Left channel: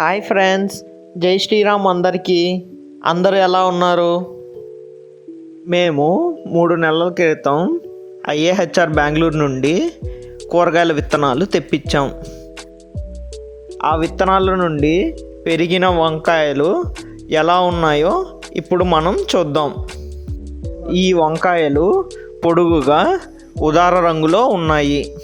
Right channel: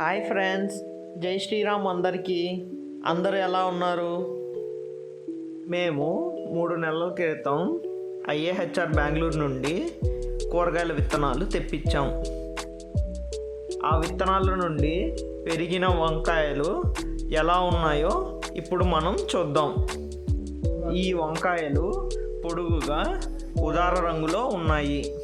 Hi friends. జై శ్రీరామ్ అందరికీ. అందరూ ఎలా ఉన్నారు? మేము మూడు నెలల క్రితం ఐఏహెచ్ఆర్ బెంగళూరు నుండి కూరగాయల విత్తనాలు తెప్పించాం. ఆ విత్తనాల నుండి పెరిగిన వంకాయలు ఎలా ఉన్నాయో ఇప్పుడు మనం చూద్దాం. ఈ వంకాయలు పొడుగుగా ఉదార రంగులో ఉన్నాయి.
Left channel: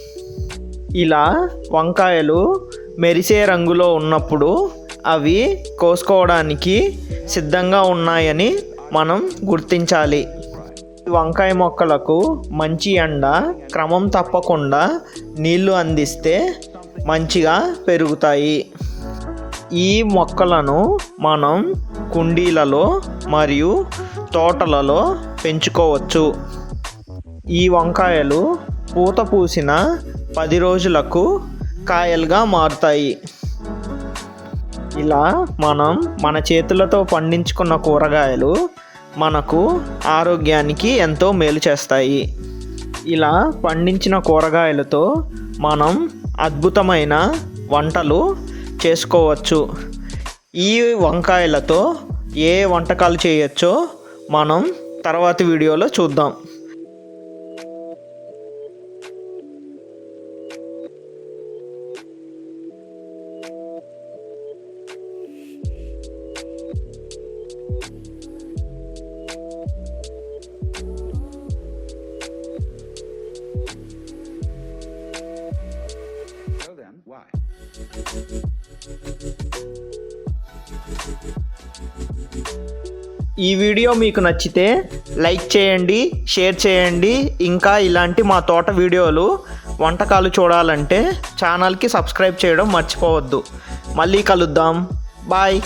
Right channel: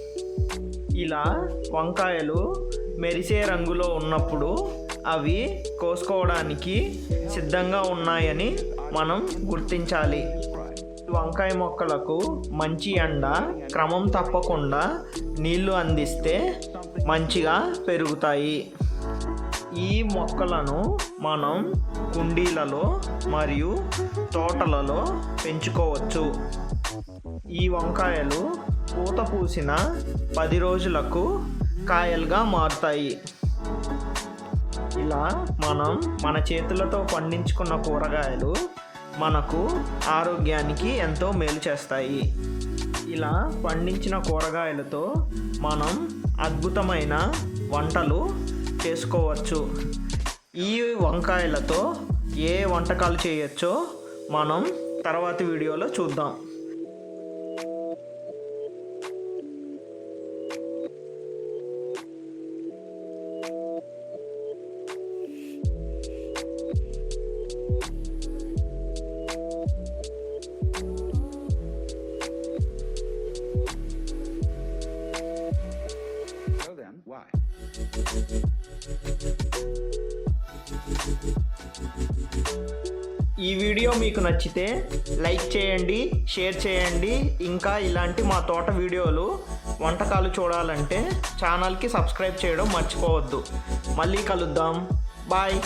ఇలా వంకాయలు మెరిసే రంగులో ఉన్నప్పుడు అవి కోసుకోవడానికి సిద్ధంగా ఉన్నాయని మనం గుర్తించాలి. వంకాయ మొక్కలకు మంచి ఎండ క్రమం తప్పకుండా నీళ్ళు అందిస్తే మంచిగా పెరుగుతాయి. ఈ మొక్కలను మనం కుండీలలో మరియు తోటలలో పెంచుకోవచ్చు. ఈ వంకాయలు పూత పూసిన పది రోజులకు కాయలుగా మారుతాయి. ఇలా మనం మన చేతులతో పండించుకున్న కూరగాయలు మనకు ఆరోగ్యానికి ఎంతో మేలు చేస్తాయి. ఇలా పండించిన కూరగాయలతో మనం అద్భుతమైన వంటలు చేసుకోవచ్చు. ఈ వంకాయలతో ఏ వంటకాలు చేయొచ్చో మనం తర్వాతి వీడియోలో చూద్దాం. ఈ వీడియో మీకు నచ్చితే లైక్ చేయండి షేర్ చేయండి. ఇంకా ఇలాంటి మా తోట వీడియోలు వంటకాలు చూడాలంటే ఛానల్కి సబ్స్క్రైబ్ చేయడం మర్చిపోవద్దు. మళ్ళీ కలుద్దాం. బాయ్.